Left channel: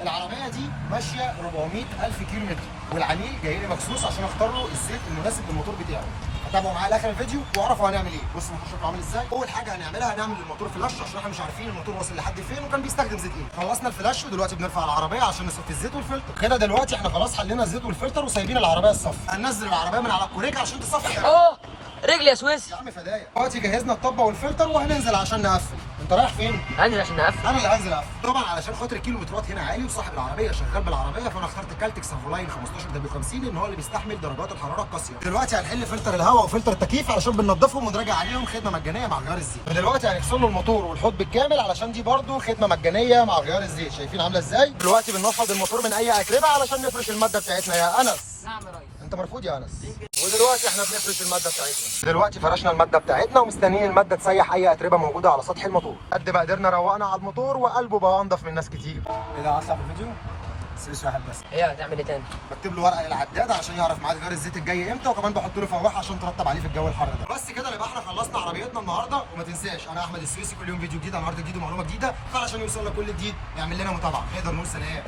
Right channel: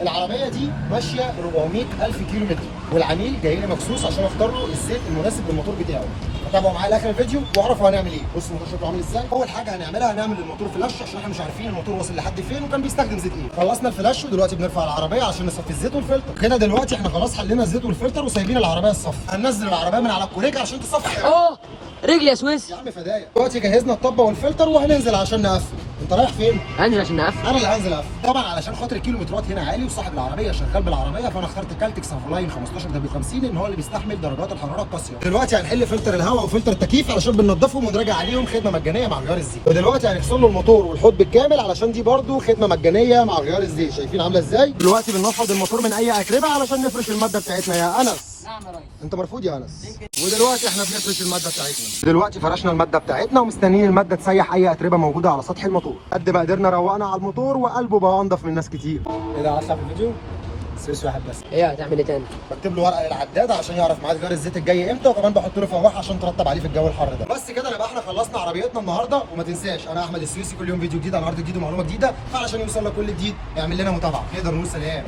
العربيه دي ماشيه 400,000 كيلو متر، والعميل جاي لي مخصوص عشان اختار له الزيت المناسب للموتور بتاعه. فتابعوا معايا لاخر الفيديو واعرفوا هنعمل ايه. بصوا الموتور شكله عامل ازاي. اول حاجه هنعملها هنعمل الموتور فلاش عشان احنا مش عارفين الموتور واصل لحد فين وكان بيستخدم زيت ايه. خلصنا الفلاش ودلوقتي بنرفع العربيه عشان نصفي الزيت والفلتر. كده دلوقتي احنا خلاص حلينا الزيت والفلتر وسايبين العربيه تصفي. هننزل العربيه من على الكوريك عشان تصفي. رجلي يا سويس. يا عم فدايا. دلوقتي جهزنا الطبه والفلتر وهننزل عشان نقفل. انت رايح فين؟ هنزل عشان نقفل. انا اللي هنزل اقفل طبعا علشان خاطر الكيلومترات هنا عالي وصاحب العربيه شغال بالعربيه، فانا اخترت كالتك سافولاين 15 W50 ان هو اللي بيستحمل درجات الحراره القاسيه. دلوقتي هنحل فلتر الهواء وفلتر التكييف علشان بننضفهم ونراجع عليهم خدمه مجانيه مع غيار الزيت. ودلوقتي هنغسل له الموتور والحوض بالكامل علشان دي برده خدمه مجانيه مع غيار الزيت. شايفين عامله ازاي؟ دلوقتي بننفض الموتور من اي اتربه علشان نفرش الماده بتاعتنا يا انس. نعم يا ريس. انت مرفوض يا انس. ودلوقتي احنا بنفرش الماده بتاعتنا. دلوقتي فرشنا الماده بتاعتنا ومستنيين الماده تسيح اي اتربه موجوده على سطح الموتور. قد ما قدرنا روقنا على الموتور وقلبه بقى انضف من ناس كتير. ايه ده هطلع في الفيديو؟ سويس واحد بس. ايه هتعمل ايه تاني؟ بكتب له ورقه العداد عشان يعرف ميعاد غيار الزيت الجاي امتى، وكمان بحط له فواحه عشان ترطب عليه في الجو الحر ده. بس كده يبقى احنا خلصنا عربيتنا النهارده. وما تنساش انا احمد السويسي كل يوم فيديو جديد عن عرض جديد ومعلومه جديده، فعلشان يوصل لك كل جديد اعمل لنا متابعه. نقدر نقول سلام.